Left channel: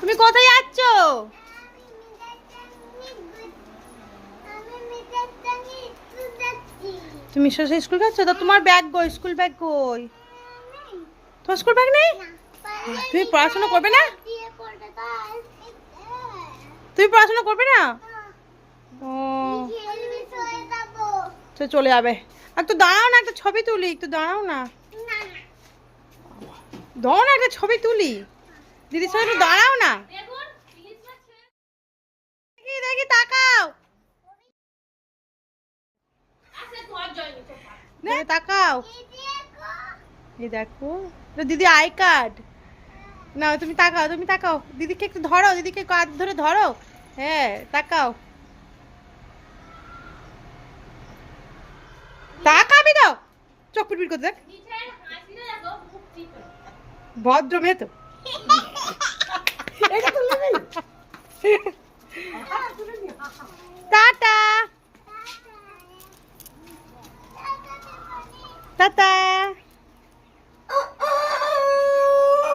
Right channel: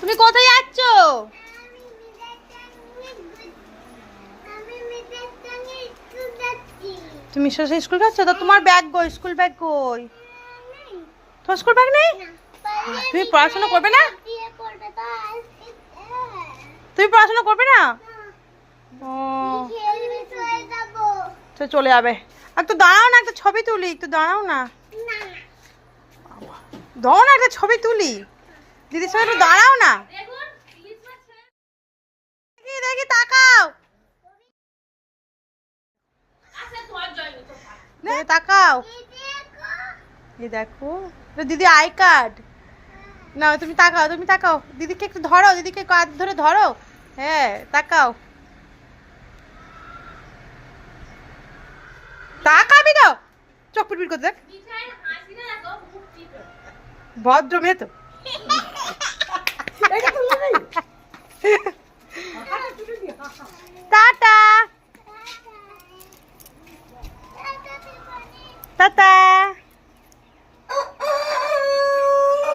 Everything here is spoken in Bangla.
তুমি কোথায় যাচ্ছ? তুমি স্কুল যাচ্ছ? তো তোমার ব্যাগ কই? স্কুল ব্যাগ কই? তোমার স্কুল ব্যাগ নেই? তুমি পড়াশোনা করবে না? তুমি পড়াশোনা করবে না? ও তো চলে যাবে। আর তো দাঁড়াও না, একটা ছবি তুলি। একটু দাঁড়াও না, দাও না, একটা ছবি তুলি। দিদির সঙ্গে একটু দাঁড়াও না। দেখি দেখি, তাকাও, দেখে তাকাও। এই দেখো, এটা দিদি আই কার্ড। না তুমি তাকাও, তুমি তাকাও, দিদিকে একটু ধরো, দিদিকে কাঁধ ধরে ধরো। হ্যাঁ তাকাও, তাকাবি তো, চোখ পিটপিট করতে দেখ। ভদ্র মেয়ে তো। Tata tata.